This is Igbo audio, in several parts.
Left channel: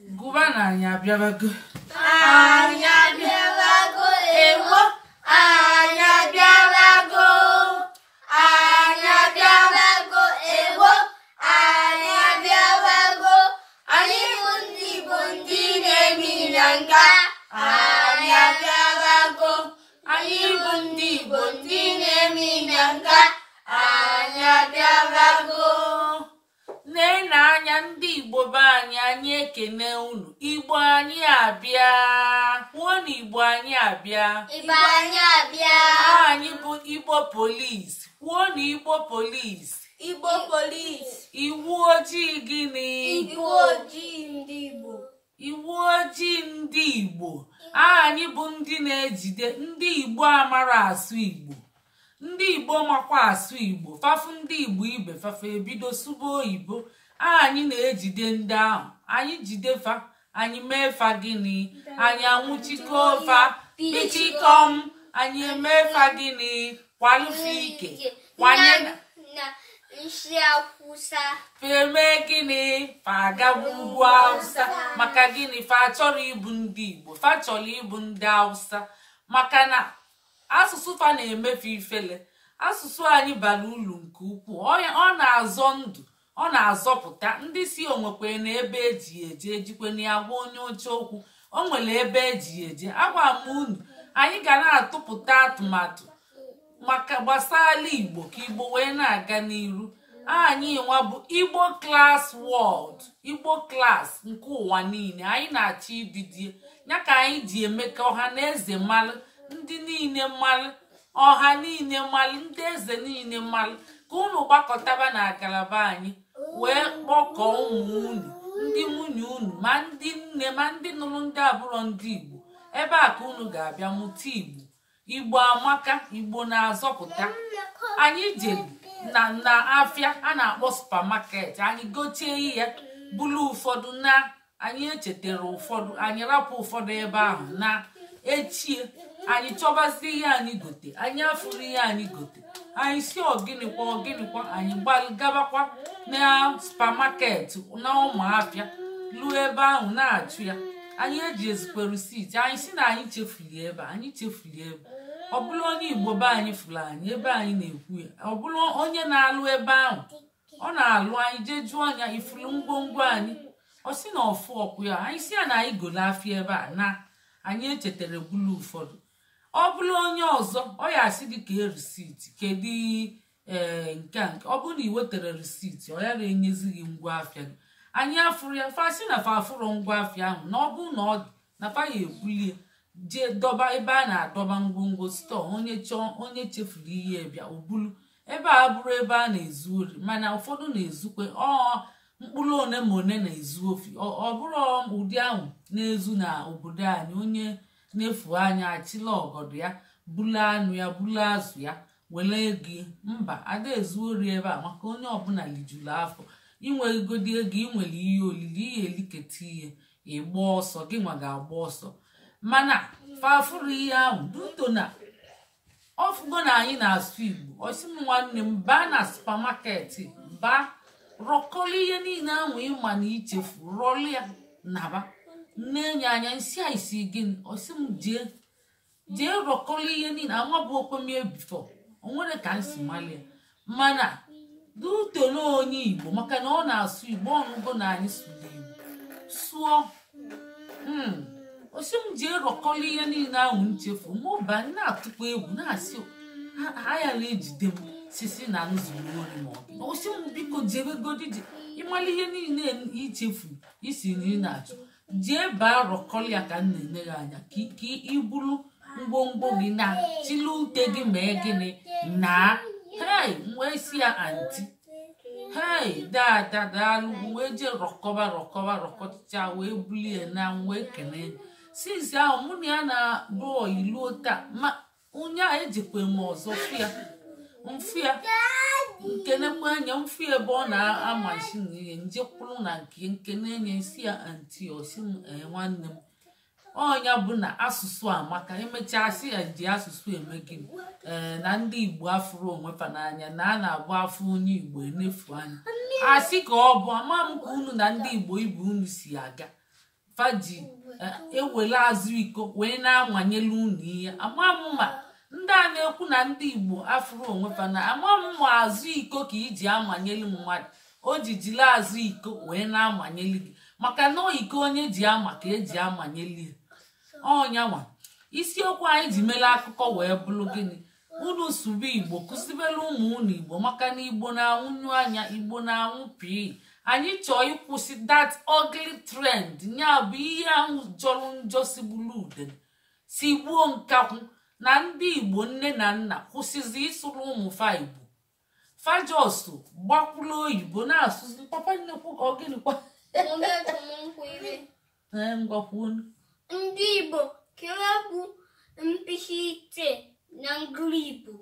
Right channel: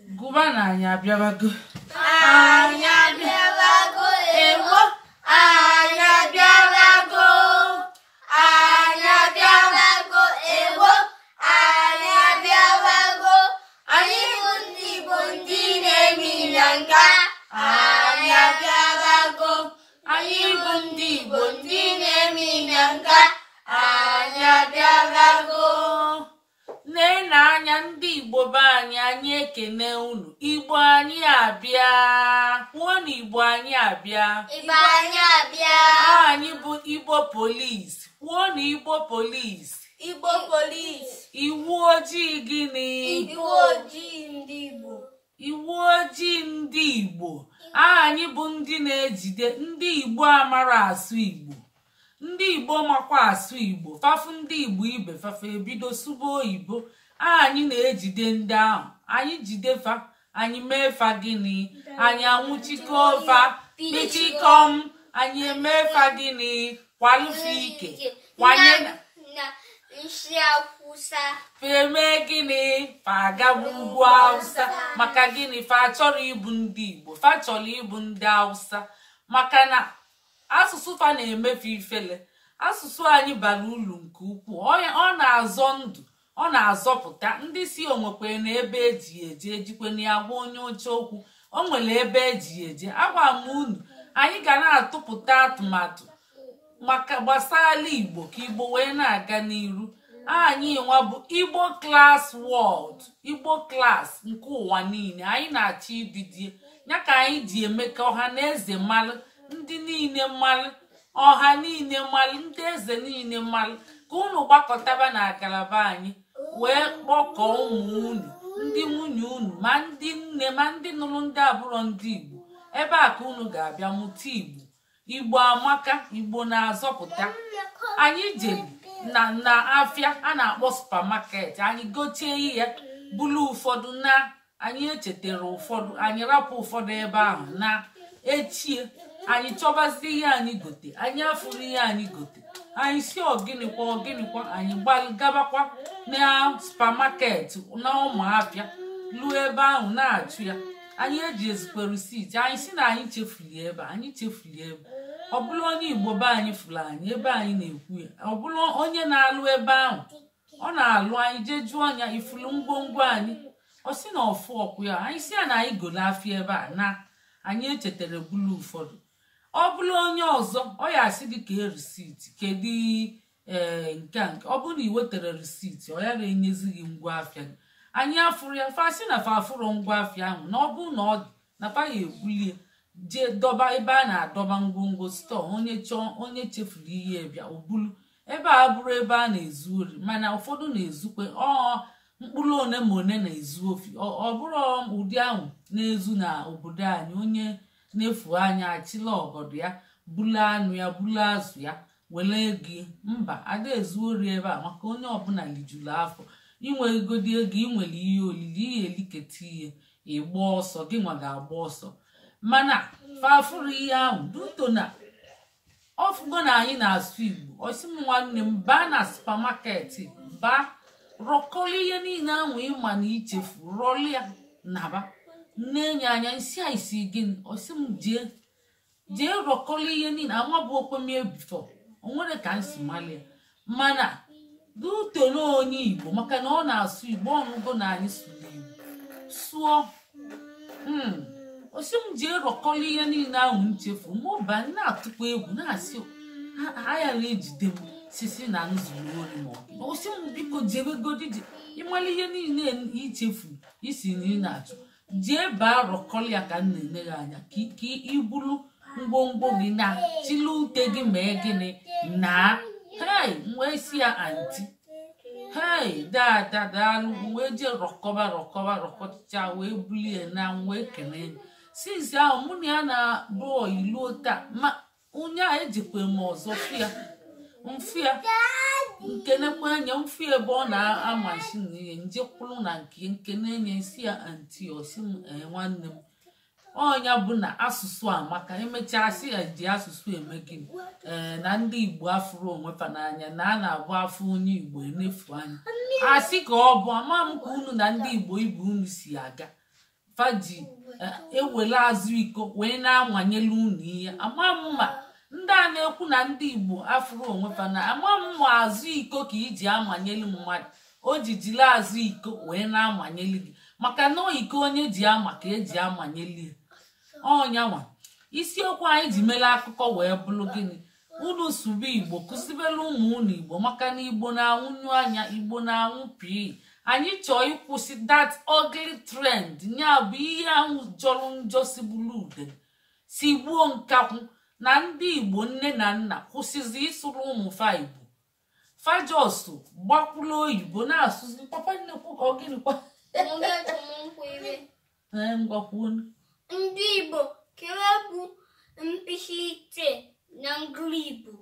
Gubana anya biabago. Anya biabago ewo. Anya biabago. Anya biabago ewo. Anya biabago. Ani bundi neminyanga. Anya biabago. Ani bundi neminyanga. Anya biabago. Nena anya ndị Igbo be anyị ekene unu. Igbo anyị abịa. Nwonu Igbo anyị abịa. Igbo anyị abịa. Anyị bụ Igbo Police. Nwonu Igbo Police. Igbo Police. Iwu ojii gịnị? Iwu ojii ndị Igbo. Iwu ojii ndị Igbo. Anyị bụ ndị na-ejide ndị Igbo amara asụ Igbo. Ndị Igbo makwa asụ Igbo. Fafu ndị Igbo ibe fafa ebido sụba oyibo. Anyị na-ejide ndị ahụ. Anyị jide fa. Anyị mee fa gịnị? Anyị anwụchikọ fa. Pichikom. Anyị eme fa gịnị? Kwalụfe ike. Kwanye na nshi akwụsa. Feme gịnị? Fa agagbu ugwu Hausa. Maka gịnị? Fa chọrọ ịbụ ndị Igbo. Fa chọrọ ịbụ ndị Hausa. Maka na asụsụ fa na-emefu ifele. Asụsụ anyị bara uru nke ukwuu. Ọ na-azọ ndụ. Ọ na-azọpụta. Ndị si onwekwere na ebe eji eje ejikwe na agwa onye oche okwu. O nwere ebe eji eje. Agwa m unu, anyị ga na-atụpụta atụmatụ maka gbasara Igbo ka Igbo wee na-aga n'iru. Anyị nwa bụ Igbo Class World. Igbo Class nke ụwa niile. Anyị na-achọ ibidie ya ka anyị ji eme ka ọha na eze mmalụ. Ndị niile mmalụ. Ọha niile mmalụ. Ndị eze niile mmalụ. Ka unu gbakọtaba na ngalaba anyị wee kpọkọọ ụmụ unu, ndị nwunye unu, ma ndị nne ma ndị nụrụ ndị abụrọ ndị Igbo. Ebe a ka unu ga-abịa mụta Igbo. Igbo amaka. Igbo na-azọpụta. Anyị jere na afịa a na-akpọ supermarket. Anyị gochie ya bulu ụfọdụ na anyị echetara ụfọdụ. Anyị rapụ ụfọdụ ebe ahụ na echie. Anyị chọbazie ihe anyị gote. Anyị afụrụ ihe anyị gote. Anyị si ọgịnịkwa anyị gabakwa na supermarket na ụmụafịa luo ebe ahụ na-achụ ya. Anyị eji ezikwe risiti. Anyị si na anyị chefuli ebe. Anyị chefuli ebe. Ọ bụrụ onye Igbo be anyị fụrụ anyị ebe anyị na-ekwu ya. Ọ bụrụ onye na-alụ ebe ahụ. Ọ na-alụ anyị jee jụọ ya ifuru ngwongwo anyị. Ọ si na ọfụ ọkwụ ya. Anyị si ya na anyị golo afịa ebe a na anyị echetara bulu ụfọdụ. Ọ bụrụ onye ọzọ ọ ya asị dị ka risiti kedu nke ọ bụrụ na ị wetara risiti ọ ya na-enyezi gị ngwa afịa gị. Anyị afụrụ ya fasị na fa afụrụ ngwa afịa ahụ na ọ bụrụ na ọ dị na fa ya ebulie jee dọba ebe a na-adọba ngwongwo stọọ. Onye chefuru ihe bịa o bulu. Ebe a bụrụ ebe a na-ezu ori mana ụfọdụ na-ezukwe mkpụrụ one ma one na-ezu ofi. Ọ bụrụ ụdị ahụ na-ezu na obodo anyị. Onye na-efu anya achịla ọgọdọ ya bulu anụ ya bulu azụ ya were ego. Mba, ada ezu ori ebe a maka onye ọbụla lijuru afọ. Inwe egodi ego inwere ihe olili ihe eliketa ihe ịgba ọsọ gị nwa ga-agba ọsọ. Mana fafụrụ ihe ahụ duto na ọfụgo na anyị na-asụ Igbo. Osi m nwanne m baa na supermarket baa rọkọrọ ihe niile ahụ ịma na ichefu rọlụ ya naba na-enye anya nsị a isi gịnị. Osi m jee rọkọrọ ihe niile anwa bụ okwemie bifọ onwere ka nsi malia. Mana duto na onye Igbo maka na ọ na-asụ Igbo ọnụgo na anyị sụrụ Igbo sụọ. Osi m jee rọkọrọ ihe niile ahụ nchefu mụba na-atụkwa egwu na-asị aya na-ejide m sisi na nzuru olu ma osi m biko jebegodi ịmala ihe niile ichefu isi na ị na-achụ jee baa rọkọrọ ya ka m na-enye gị anya ka iburu ngwongwo gị na chili ute gị mee gịnị na wee si ya anti daalụ wee jee rọkọcha wee bulie na wee kene since ahụ mụ na ya na-abụ iluo taa ma onye a ejikwe m ọzọ mfịa nkenekwa anya mfịa ebe ọ na-amashi na ihe njekwuru na nke na-enye isi ya anti osi m nwanne m ọnya bụ na asụsụ amaka emechaa sị ya ji asụsụ eme gị na ndị Igbo afụrụ onwefa n'anya na a na-agba afọ onye Igbo enefu anya asị ka ọ bụ ama m ka unu na ndị Igbo ibe unu si aga faji ewele azụ iko wee na-amanyelu unu ihe amamma ndị a na-ekwu na ndị Igbo afụrụ onwe fa na amamma azụ iko ka iji amanyelu mmadụ o ji jiri azụ iko wee na-amanyelu gị maka na iko onye ji ama ka eji amanyelu ya ọnyanwa isiokwu anyị ji mere akụkọ wee bụrụ gịnị unu sụba Igbo kụzibere ụmụ unu Igbo maka na Igbo na-anwụnyu anya Igbo na-anwụ pii anyị chọọ ịkwụsị that ugly trend ya bụ ihe ahụ jọrọ njọ si bụrụ ude si gbuo nkakwụ na ndị Igbo nne na nna kwụsịzi ịsụrụ ụmụ fa Igbo fajosu gbakwuru oyibo na-asụzi papa nnekwu ka ọ gịnịkwa ngwakwuo ndị Igbo kere bụ mkpịsị ite na ngụrụ Igbo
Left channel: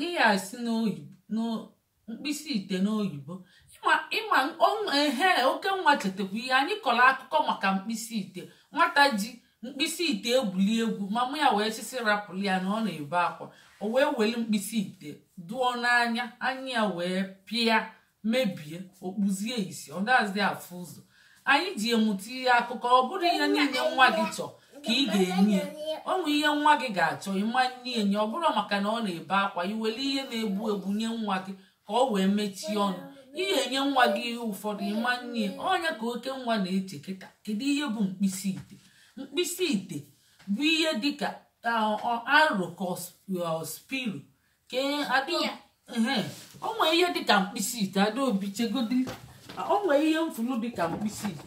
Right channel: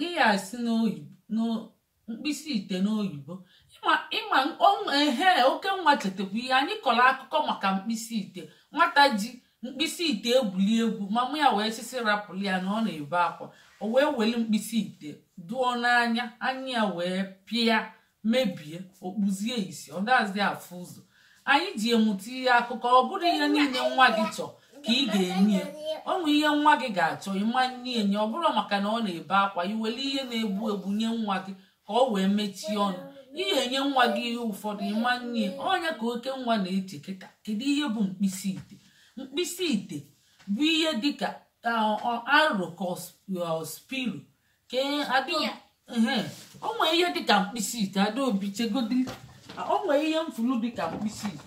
gị ya si n'oyibo mkpịsị ite n'oyibo ịma oke nwa chetakwa ihe anyị kọrọ akụkọ maka mkpịsị ite nwata ji mkpịsị ite egwuli egwu mama ya wee sisi rapụrụ ya na ọ na-ebe akwa o wee weli mkpịsị ite dụọ n'anya anya ya wee pịa mebie okpuzie isi ọ dazi afụ ụzọ anyị ji emụta ihe akụkọ ọ bụrụ ihe niile nwa gị chọọ ka ị ga-enye ọnwụ ihe nwa gị ga-achọ ịmanye enye ọ bụrụ maka na ọ na-ebe akwa iwere ihe na-egbu egbu nye nwa gị ka ọ wee mechie ọnụ ihe enye nwa gị ihe ụfọdụ ịmanye ọnya ka oke nwa na-eche kịta kedu ihe bụ mkpịsị ite mkpịsị ite bụ ihe dịka aro ka spiru o nwere ihe dịka mkpịsị ite Adaobi chegodi o nwere ihe mfulu dịka mkpịsị ite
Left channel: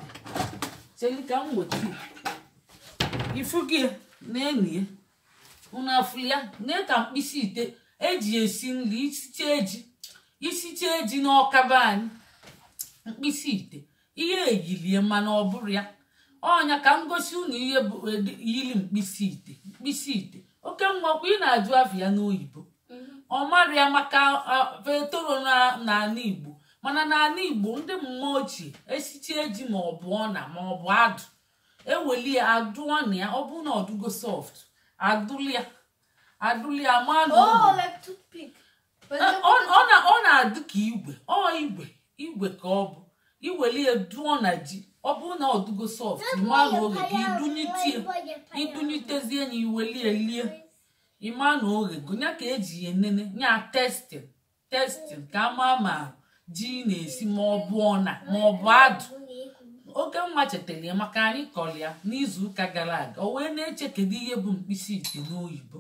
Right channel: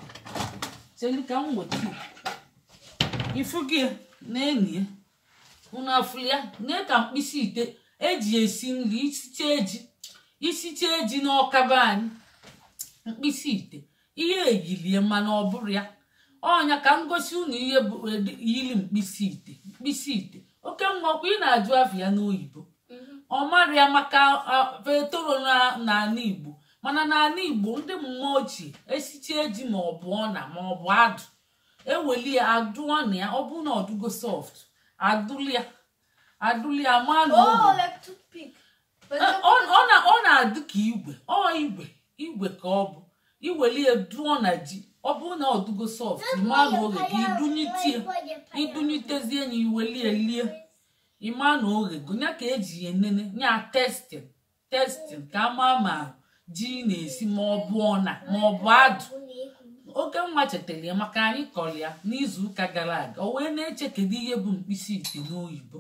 chelika m weta ifu gị na-enye unu afụli ya na ka mkpịsị ite eji esi nri isiche eji n'ọkaba anyị mkpịsị ite ihe eyilie mana ọ bụrụ ya ọnya ka m gosi unu ihe bụ yili mkpịsị ite oke nwakwa ị na-ajụ afọ ya n'oyibo ọ mara ya maka vetoro n'ala Igbo mana n'ala Igbo ndị mmụọ ochie esiche ji ma ọ bụ ọna ma ọ bụ adụ eweli ya adụọ na ya ọ bụ na ọdụgo soft adụli ya ma ọ na-adị ka igwe ka ọ bụ iweli ya dụọ na ji ọ bụ na ọdụgo soft ịma na oge gị idunyitezie ya iweli elie ịma na oge gụnya ka eji ya enene nya testin ka ama ma ji na-esi ma ọ bụ ọna ma ọ bụ adụ oke nwa chetara ya maka anyị kọrọ ya n'izu ụka gara aga o wee na-eche kedu ihe bụ mkpịsị ite n'oyibo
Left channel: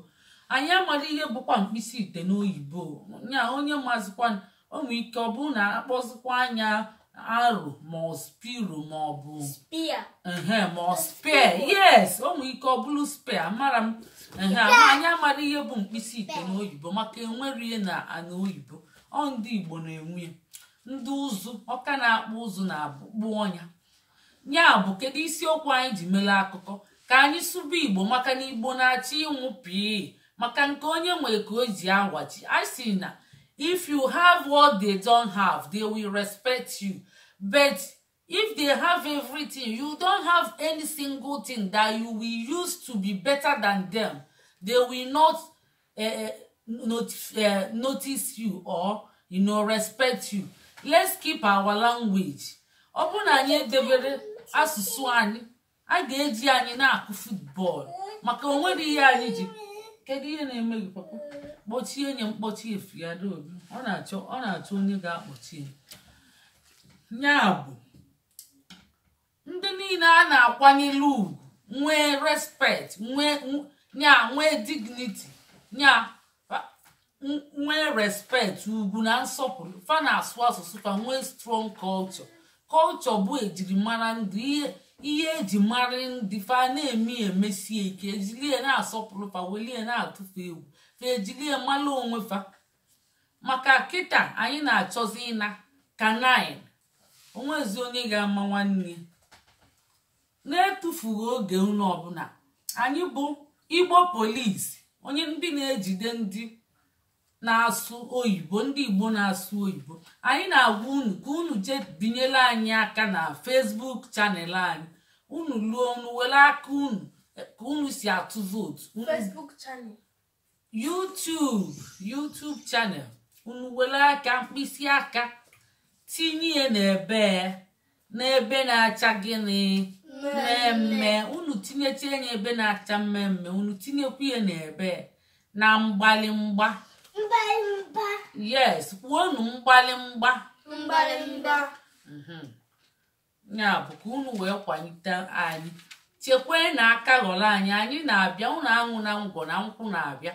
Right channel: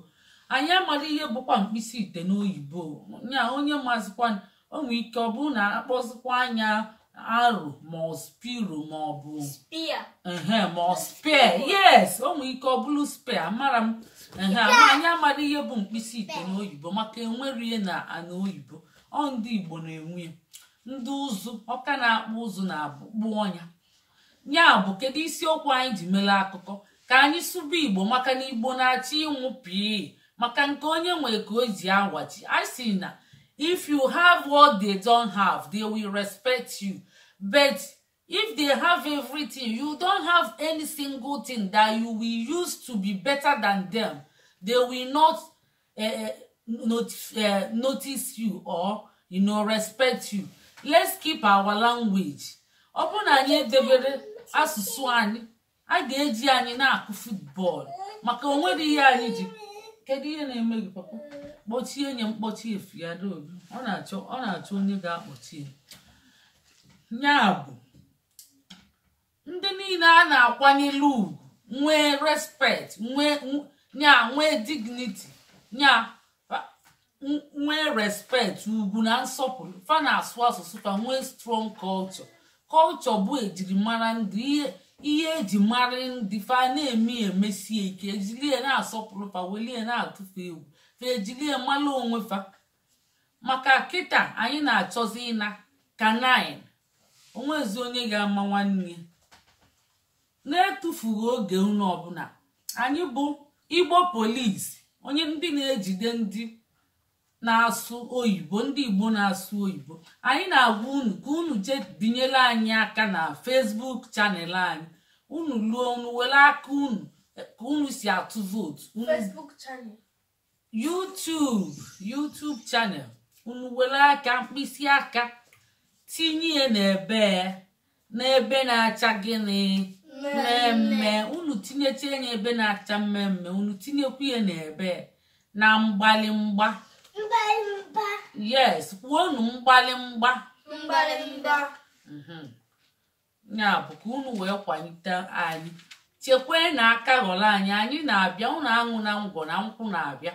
anyị amara ihe bụkwa mkpịsị ite n'oyibo nya onye mazikwa onwe ike ọ bụrụ na akpọzikwa anya aro ma ọ spiru ma ọ bụ ma ọ spare yes onwe ike ọ bụrụ spare mara m anyị amara ihe bụ mkpịsị ite n'oyibo maka enwere ihe na ana oyibo ọ ndị Igbo na-enwe ndị ụzụ ọka na-akpụ ụzụ na-abụ ọnya ya bụ kedu isiokwu anyị ji mere akụkọ ka anyị sụba Igbo maka na Igbo na-achọ ịnwụ pii maka nke onye nwere ka o ji agwachi I see na if you have what they don't have they will respect you but if they have everything you don't have any single thing that you will use to be better than them they will not notice you or respect you. Let's keep our language. Ọ bụ na anyị edebere asụsụ anyị a ga-eji anyị na-akụ football maka onwere ihe anyị ji kedu ihe na-eme gị papa kpọchie nye mkpọchi efu ya Adaobi ọ na-achọ onye ga-akpọchi ya bụ ndị niile a na-akwanyere ugwu nwee respect nwee dignity nwee respect ugwu na nsọpụrụ fa na-asụ asụsụ fa nwee strong culture bụ ejirimara ndị ihe eji mara ndị fa na-eme emesie ike ejilie na-asọpụrụ fa welie na-atụfu egwu fa ejilie mara onwe fa maka kịta anyị na-achọzi ịna kanine onwezi onye ga-ama nwanne na-etufughị oge unu ọbụla anyị bụ Igbo polisi onye ndị na-ejide ndị na-asụ oyibo ndị Igbo na-asụ oyibo anyị na-agwa unu ka unu jee binyere anyị aka na Facebook chanel anyị unu luo unu were aka unu ka unu si atụ vootu Facebook channel YouTube channel unu were aka mkpịsị aka tinye n'ebe n'ebe na-acha gịnị mmemme unu tinyecha ya ebe na-acha mmemme unu tinyekwa ya n'ebe na mgbalimgba yes kwuonu mgbalimgba ya bụ ka unu wee kwalite anyị chekwee na aka ghọrọ anyị na-abịa unu aṅụ na ngwọ na nkwụ na-abịa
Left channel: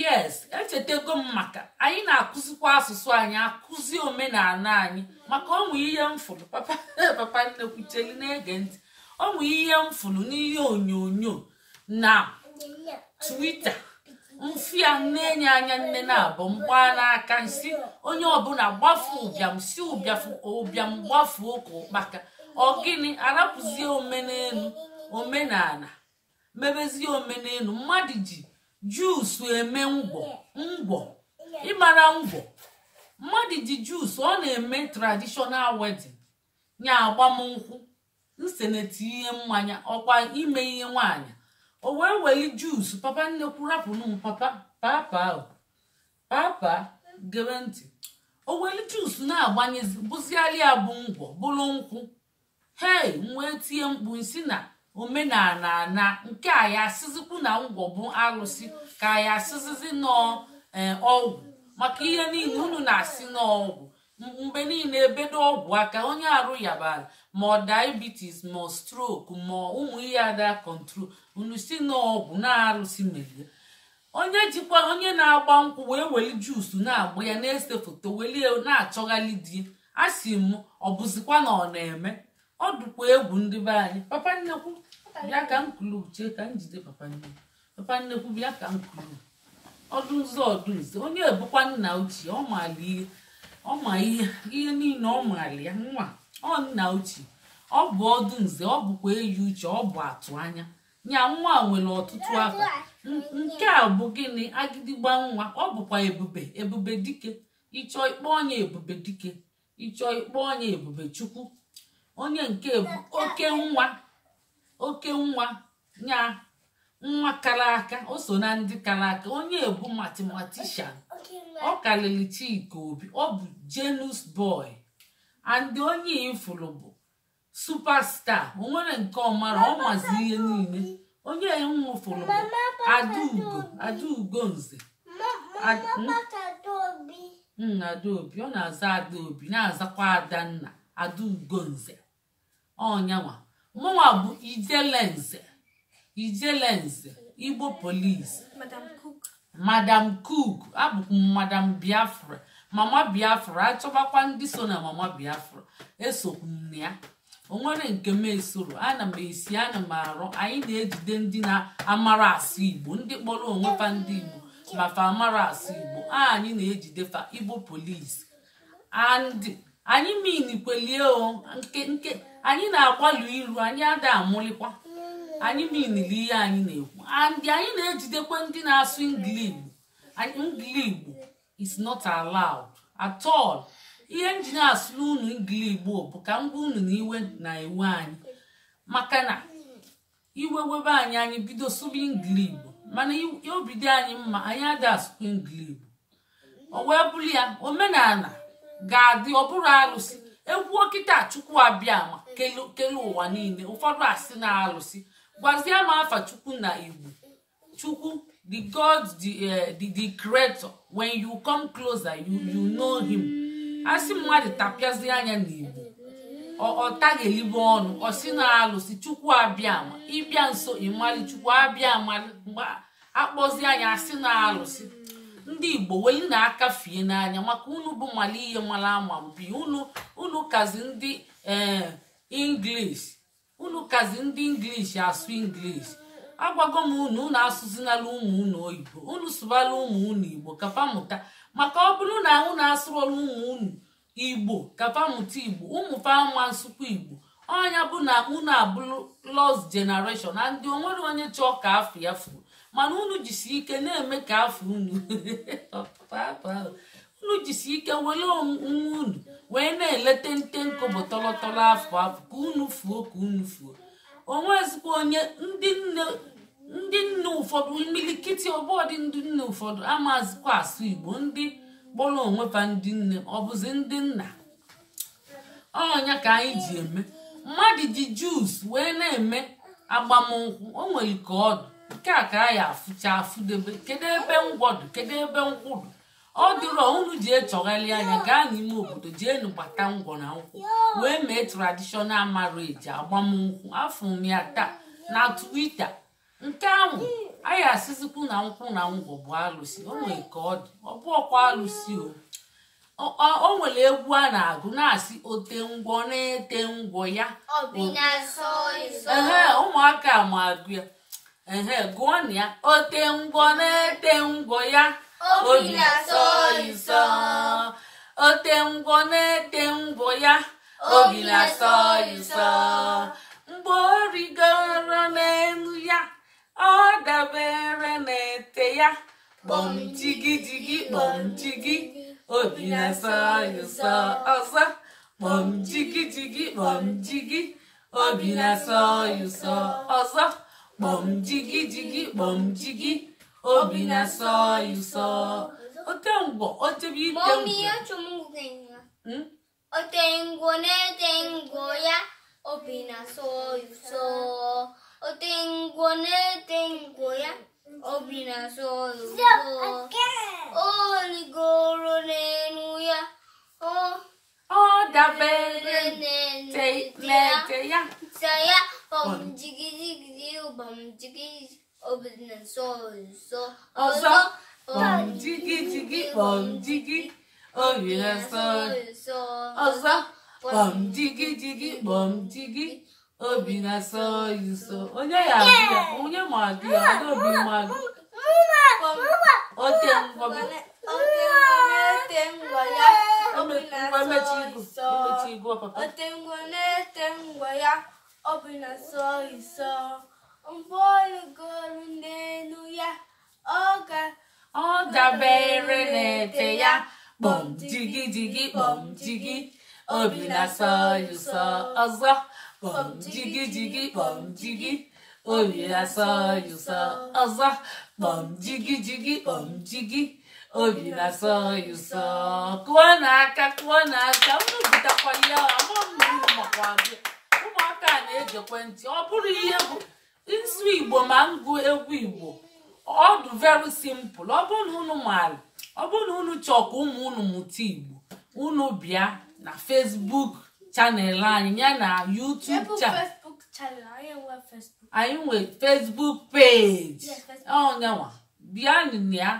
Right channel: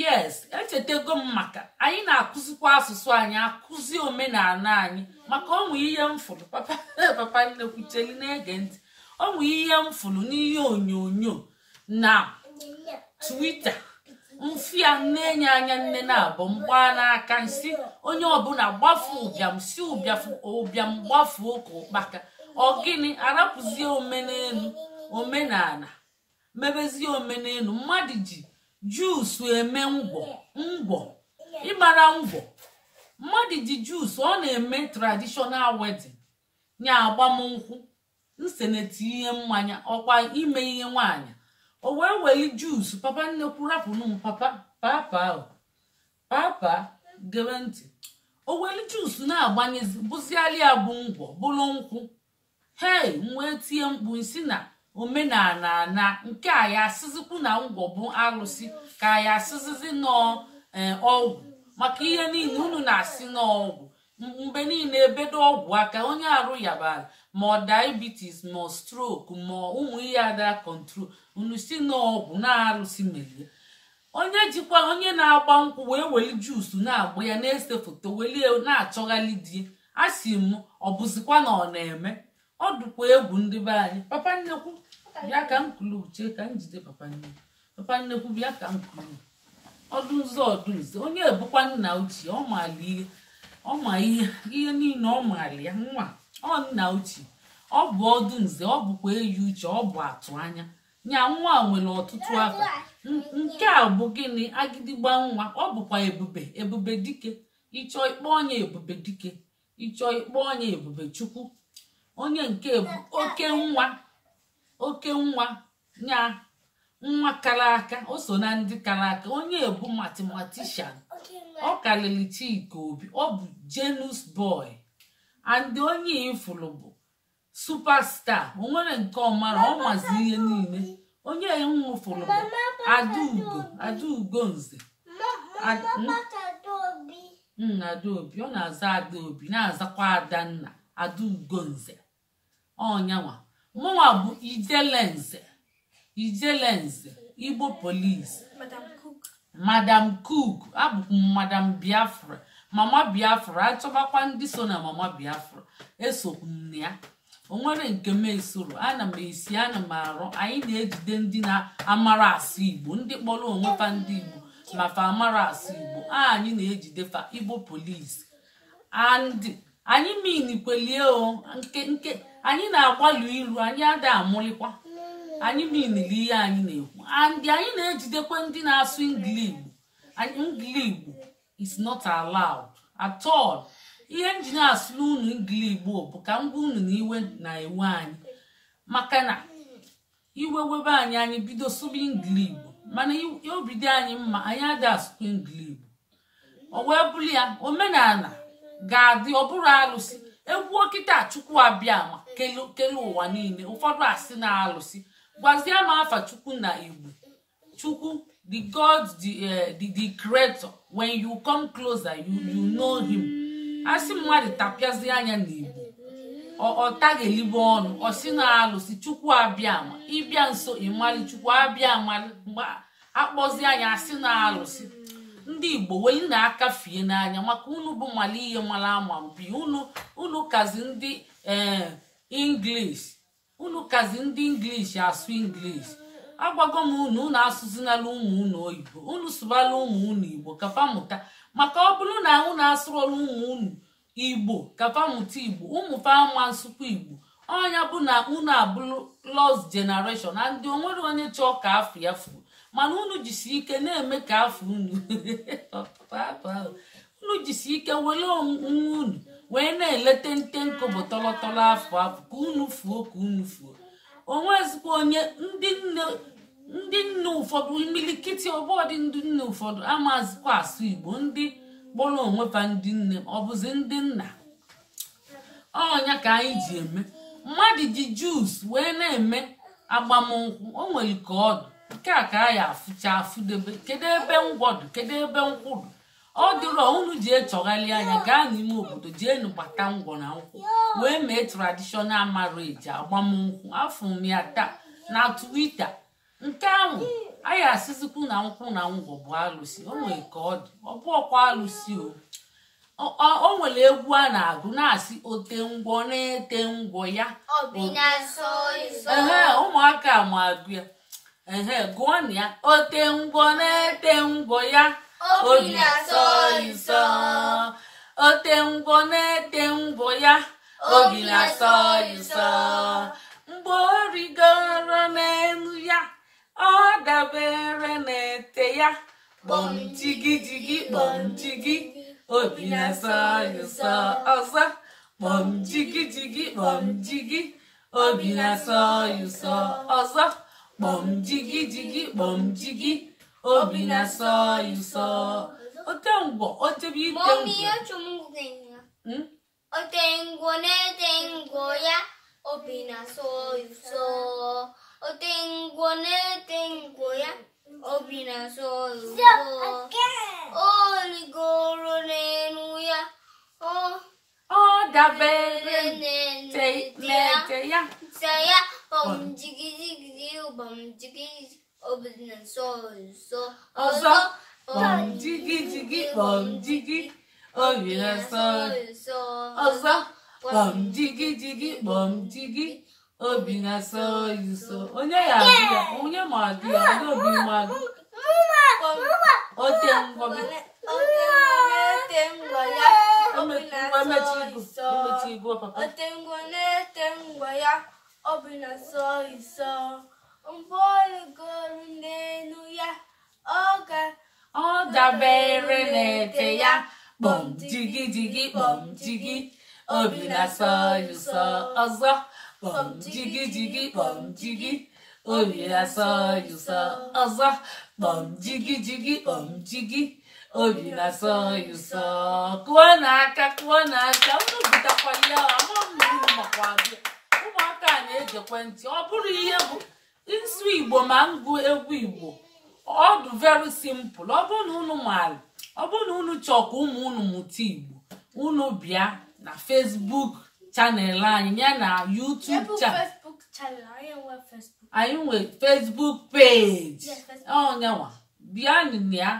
yes echetego m maka anyị na-akụzikwa asụsụ anyị akụzi omenala anyị maka ọnwụ ihe mfụrụ papa nnekwucheli na-ege ntị ọnwụ ihe mfụrụ n'ihe onyonyo na Twitter mfịa na-enye anya nne na-abụ mgba n'aka nsi onye ọbụla gbafu ụbịam si ụbịam gbafuo ka ụkpaka ọ gịnị arapụzie omenala mebezie omenelu mmadụ ji juusu eme ngwọ ịmara ngwọ mmadụ ji juusu ọ na-eme traditional wedding nya agbamnkwụ nseneti ihe mmanya ọkwa ime ihe nwaanyị o wee weli juusu papa nnekwu rapụnụ m papa gere ntị o weli juusu na-agbanyezi bụziali ya bụ ngwọ bụrụ nkwụ hei wee tie mkpu isi na omenala na nke a ya asịzikwu na ngwọ bụ arụsị ka ya asịzizi n'ọgwụ maka ihe niile unu na-asị n'ọgwụ mgbe niile ebedo ọgwụ aka onye arụ yabara ma ọ diabetes ma stroke ma ụmụ ihe ada control unu si n'ọgwụ na-arụsị merie onye na-agba nkwụ wee weli juusu na-agba ya na-ese foto welie na-achọghali di a sị m ọ bụzikwa na ọ na-eme ọ dụkwa egwu ndị be anyị papa nnekwu bịa ka m kulu uche ka m jide papa nnekwu bịa ka m kulu ọdụ nze onye ebukwa nna ochie ọ ma ihe niile ọ maara ya nwa ọ nna ochie ọ bụ ọdụ nze ọ bụkwa eyi uche ọ bụ atụ anya nya nwa nwere ọtụtụ afa nke a bụ gịnị agịdịgba nwa ọ bụkwa ebube dike ịchọ ikpọ onye ebube dike ịchọ ikpọ onye ebube chukwu onye nke bụ oke nwa nya nwa kara aka o so na ndị kara aka onye ebu mathematician ọ karịrị Chika Obi ọ bụ genius boy and onye ifuru bụ superstar o nwere nke ọmara ọ mazi ihe niile onye nwụfuru bụ Adaugo nze Adaobi ọ na-aza Adaobi na-azakwa Adanna Adaugo nze ọnyanwa mụnwa bụ Ijelenze Igbo polisi Madam Cook abụkwa Madam Biafra mama Biafra achọbakwa ndị so na mama Biafra esokwu m ya o nwere nke m esoro ana m esi ana m arụ anyị na-ejide ndị na-amara asụ Igbo ndị kpọrọ onwe fa ndị Igbo mafa amara asụ Igbo anyị na-ejide fa Igbo polisi and anyị minikwelie nke anyị na-agbalụ iru anyị ada amụlikwa anyị minili ihe anyị na-ekwu and anyị na-ejidekwa ndị na-asụ Igbo is not allowed at all ihe nji na-asụrụ unu Igbo bụ ka m gwa unu na iwe na-ewe anyị maka na iwe webe anyị bido sụba Igbo mana obido anyị mma anyị ada asụkwa Igbo o wee bụrụ ya omenala ga-adị ọ bụrụ arụsị egwu okịta Chukwu abịa ma kele ụwa niile ụfọdụ asị na arụsị gwazie m afa Chukwu na Igbo Chukwu the God the creator when you come closer you know him asị mmadụ tapịazi anya n'Igbo ọ taghelibe ọnụ ọ sị na alụsị Chukwu abịa ma ịbịa nso ịmali Chukwu abịa amali mgbe akpọzi anya asị na alụsị ndị Igbo weli na-aka fie n'anya maka unu bụ mali ihe mara ama mpi unu kazi ndị English unu kazi ndị English asụ English agwago m unu asụzinala ụmụ unu oyibo unu sụbala ụmụ unu Igbo kapamụta maka ọ bụrụ na unu asụrụla ụmụ unu Igbo kapamụta Igbo ụmụ fama nsụkwa Igbo ọnya bụ na unu abụrụ lost generation na ndị onwere onye chọọ ka afọ ya furu mana unu jisi ike na-eme ka afọ unu jisi ike were onwe unu wee na-elete nte nkobo tọlọtọlọ afọ ka unu fuo onwezikwa onye ndị nne ụfọdụ imilikiti ọbọdị ndị nne ụfọdụ amazikwa asụ Igbo ndị kpọrọ onwefa ndị nne ọ bụzi ndị nna ọnya ka anyị ji eme mmadụ ji juice wee na-eme agbamnkwụ o nwere ka ọdụ nke a ka anyị afụcha afụdebe kedu ebe ngwọdụ kedu ebe nkwụdụ ọ dịrọ unu ji echọgharị anya gaa n'ime obodo jee nụbata ngwọ na nkwụ wee mee traditional marriage agbamnkwụ afọ m ya taa na Twitter nke ahụ anyị asịzikwu na nkwụ na ngwọ bụ alụsị o nwere ka ọ dị ọ bụ ọkwa alụsị o nwere egwu a na-agụ na-asị ote ngwọ na-ete ngwọ ya ụmụaka ma agụ ya gụọ na ya ote ngwọ na-ete ngwọ ya obi na-asọ ịsọ ote ngwọ na-ete ngwọ ya obi na-asọ ịsọ mgbe o rigoro n'elu ya ọ dabere na-ete ya kpọm jigi jigi kpọm jigi obi na-asọ ịsọ ọzọ kpọm jigi jigi kpọm jigi obi na-asọ ịsọ ọzọ kpọm jigi jigi kpọm jigi obi na-asọ ịsọ ote ngwọ otebe ite ote ngwọ na-ete ngwọ ya obi na-asọ ịsọ ote ngwọ na-ete ngwọ ya obi na-asọ ịsọ o rigoro n'elu ya ọ dabere na-ete ya bọm jigi jigi bọm jigi obi na-asọ ịsọ ọzọ bọm jigi jigi bọm jigi obi na-asọ ịsọ ọzọ bọm jigi jigi bọm jigi obi na-asọ ịsọ onye ya adị ya onye ma adị ya ndị obi mmadụ ote ngwọ na-ete ngwọ ya obi na-asọ ịsọ ote ngwọ na-ete ngwọ ya obi na-asọ ịsọ mgbe olugoro n'elu ya ọ dabere na-ete ya kpọm jigi jigi kpọm jigi obi na-asọ ịsọ ọzọ kpọm jigi jigi kpọm jigi obi na-asọ ịsọ ọzọ kpọm jigi jigi kpọm jigi obi na-asọ ịsọ kụọ n'aka unu butakwa ya ụmụaka na-eji ekwentị ọ bụrụ ihe bụ nzu Igbo ma ngụ egwu Igbo ọ dị very simple ọ bụrụ na unu maara ọ bụrụ na unu chọọ ka ụmụ unu mụta Igbo unu bịa na Facebook chanel anyị ya na YouTube channel anyị nwere Facebook page onyenwa bịa ya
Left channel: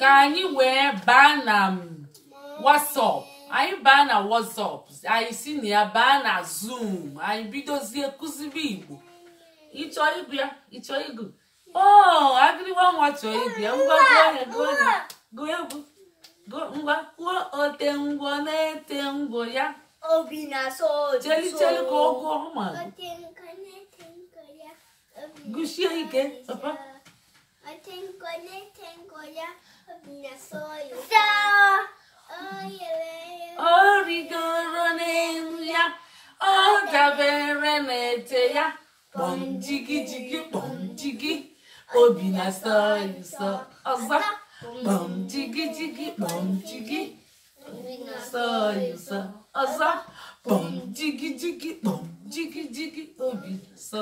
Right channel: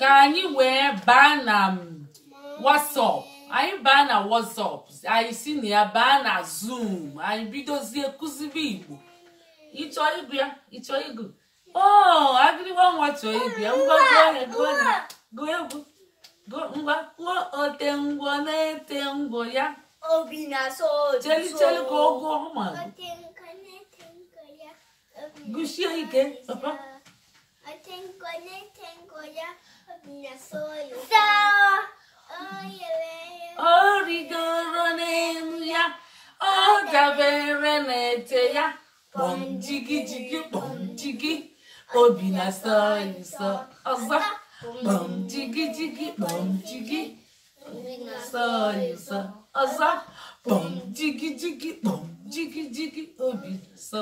ka anyị wee baa na WhatsApp anyị baa na WhatsApp anyị si na ya baa na Zoom anyị bidozie kụzibe Igbo ịchọ ịgụ ya ịchọ ịgụ agịrịwa nwa chọọ ịgụ ya ngwa gụọ egwu ngwa kwuo ote ngwọ na-ete ngwọ ya obi na-asọ cheli ka ogo ọma gụsie ike papa ọ rigoro n'elu ya ọ dabere na-ete ya kpọm jigi jigi kpọm jigi obi na-asọ ịsọ ọzọ kpọm jigi jigi kpọm jigi obi na-asọ ịsọ ọzọ kpọm jigi jigi kpọm jigi jigi obi na-asọ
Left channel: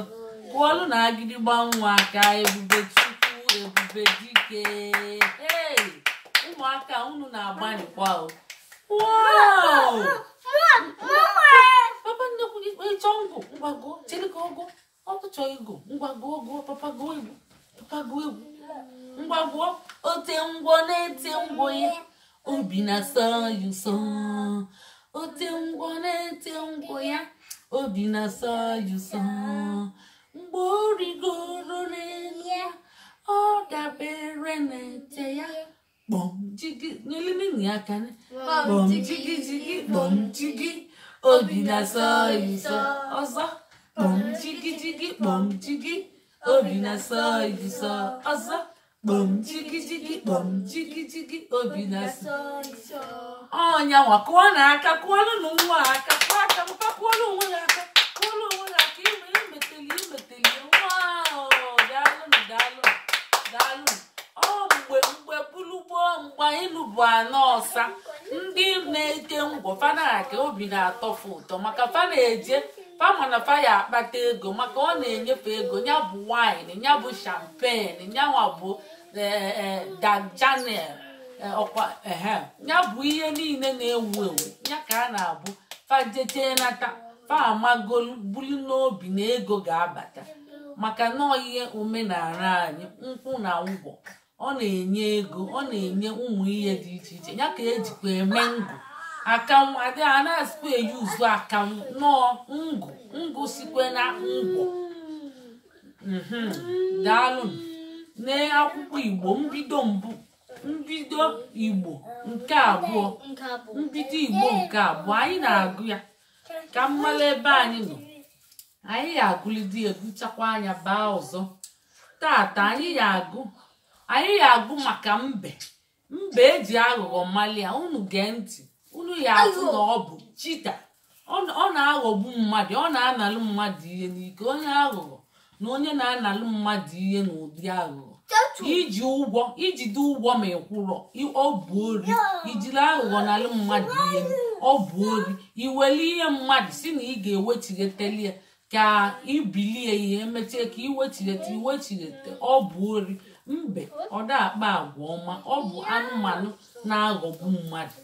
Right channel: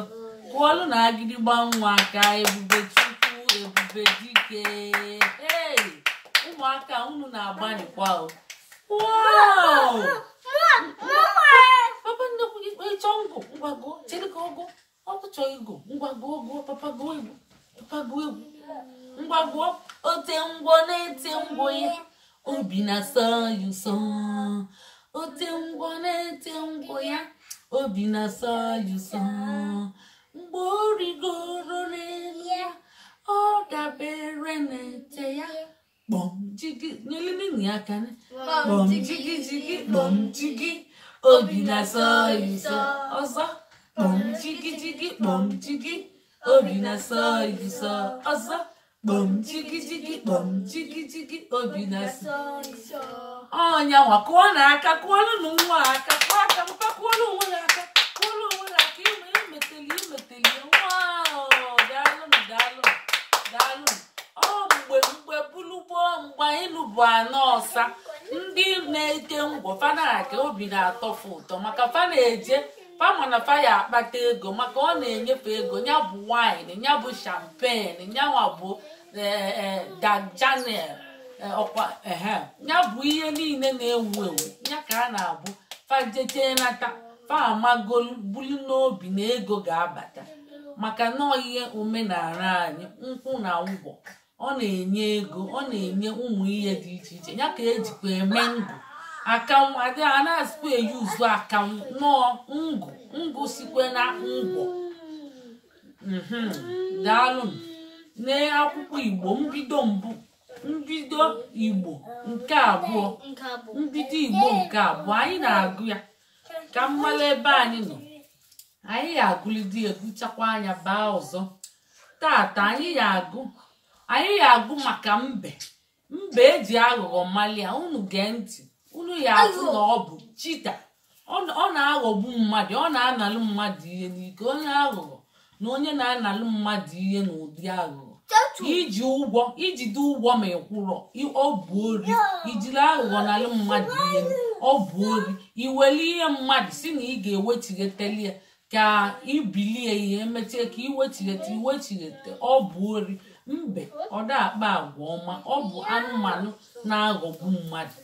kwụọlụ na agịrịgba nwa aka Ebube Chukwu Ebube Dike ụmụaka unu na-agbanikwa papa nnekwu ịchọ ngụ ngwago chere ka ọgụ ọkụchọ ego ngwago ogo papa gụọ egwu ngwago ote ngwọ na-ete ngwọ ya obi na-asọ ịsọ ote ngwọ na-ete ngwọ ya obi na-asọ ịsọ mgbe o rigoro n'elu ya ọ dabere na-ete ya kpọm jigi nyelele ya aka kpọm jigi jigi kpọm jigi obi na-asọ ịsọ ọzọ kpọm jigi jigi kpọm jigi obi na-asọ ịsọ ọzọ kpọm jigi jigi kpọm jigi jigi obi na-asọ ọnyanwa kụọ na aka kụọlụ na nwa aka kụọ aka mpa kụọlụ onwe ya aka kụọlụ onwe ya aka imeteli daalụ mgbe bulugbo mgbe anyị lụbụ anọ ọsa ndị na-eke ngwọ fana ka obi na-atọfu ụtọ maka fa na-eje fama na fa ya akpata ego maka ọ na-enyefe ego ya bụ wine ya bụ champagne nyanwa bụ dajanel ọkwa ya bụ ihe niile na-ewu ewu ya ka a na-abụ fajete nata fa amagolu bulu n'obi na ego ga-abata maka na ihe omenala anyị nkwụ na ngwọ ọ na-enye ego ọ na-enye ụmụ ihe dị iche iche ya ka ejikwa eme ngụ akanwụ adị a na-asịkwa eyuzu akanwụ nọọ ngụ sikwe na ngwọ daalụ n'akwụkwọ Igbo mbido Igbo nke abụọ anyị na-agụ ya ka mmalụ ebe anyị nọ anyị ga-agụlidi ebuchakwa anya baa ọzọ tata anyị ga-agụ maka mbe eji aghụghọ malia unu gee ntị unu ya afụ na ọ bụ chita ọ na-aghọgbu mmadụ ọ na-analụ mmadụ ihe n'ike onye aghụghọ na onye na-analụ mmadụ ihe n'ụdị aghụghọ ijide ụgwọ ma ịkwụrọ ọ bụ ori ijiri aghụghọ nalụ mmadụ ihe ọ bụ ori iweli ihe mmadụ si na ị ga-ewechigheteli ya ka ibilie ihe emechie ka iwechighete ọ bụ ori mbe ọ da akpa agwa ọma ọ bụ anụmanụ na-aghọgbu mmadụ